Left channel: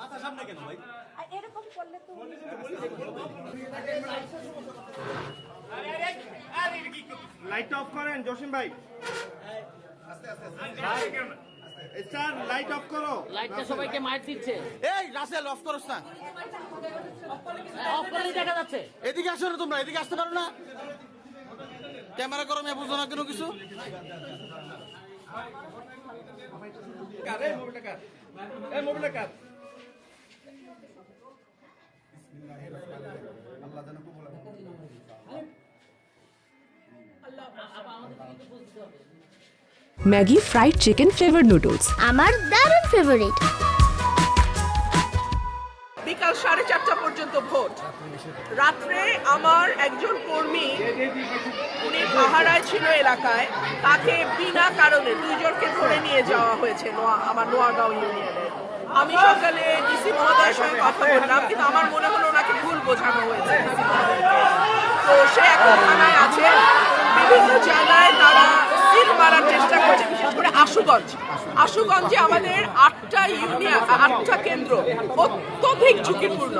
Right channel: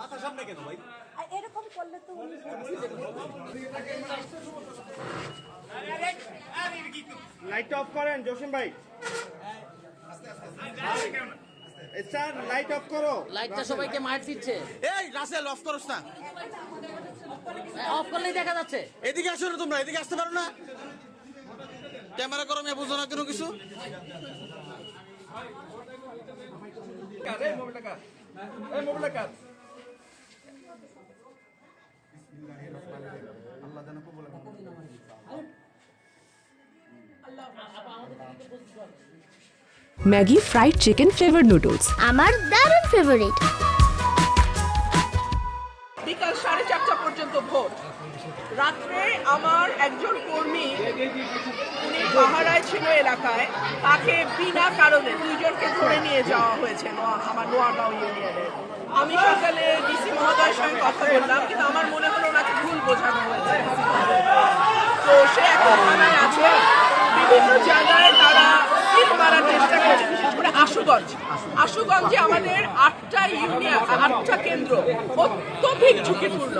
মাথা সামনে কেন ভাই? এরকম করলে তো লাইট অফ করেন জসিম ভাই। স্যার লাইট অফ করো। লাইটটা সবাইকে মার দিচ্ছে। এই রাসেল অফ করছ না? অফ করলেই দেখা যাচ্ছে। এদিকে আসো না, তোমরা এদিকে আসতে পারো না? ক্যামেরা করো, আমি বুঝো না কেন কিছু। Maggi fried chicken flavour noodles আমার দারুণ ফেভারিট। বিকাল 4:30 পর্যন্ত ভোট। রাত্রে আমার একজন কর্মী, উনি পাহারায় ছিল এলাকায়, তাকে বিনা কারণে 2 জনকে ধরে নিয়ে যাওয়া হয়েছে আমার নোয়াগাঁও ইউনিয়নে। আমি সকালে ডিসি মহোদয়ের সঙ্গে কথা বললাম, কিন্তু আমার মনে হলো ওনাকে ভুল বোঝানো হয়েছে। তো সে এখন থানায় আছে। বিভিন্ন জায়গায় তারা সিল মারার চেষ্টা করছে, বিশেষ করে আশুগঞ্জে আমাদের 8টা ইউনিয়ন, 8টা কেন্দ্র অত্যধিক ঝুঁকিপূর্ণ।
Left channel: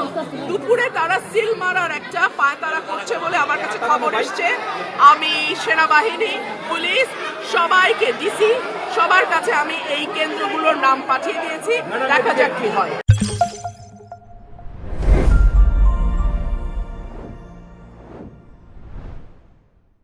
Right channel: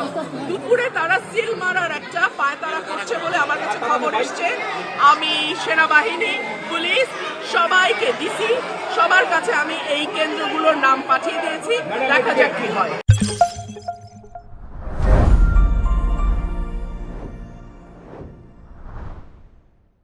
দুপুরে তারা সিল মারার একটা পায়তারা করছে বলে আমার কাছে খবর এসছে। আমি সেনাবাহিনী, পুলিশ, সবাইকে, ডিসি সবার কাছে আমি এই কেন্দ্রগুলোর নাম পাঠিয়ে দিয়েছি। দেখা যাক কি হয়।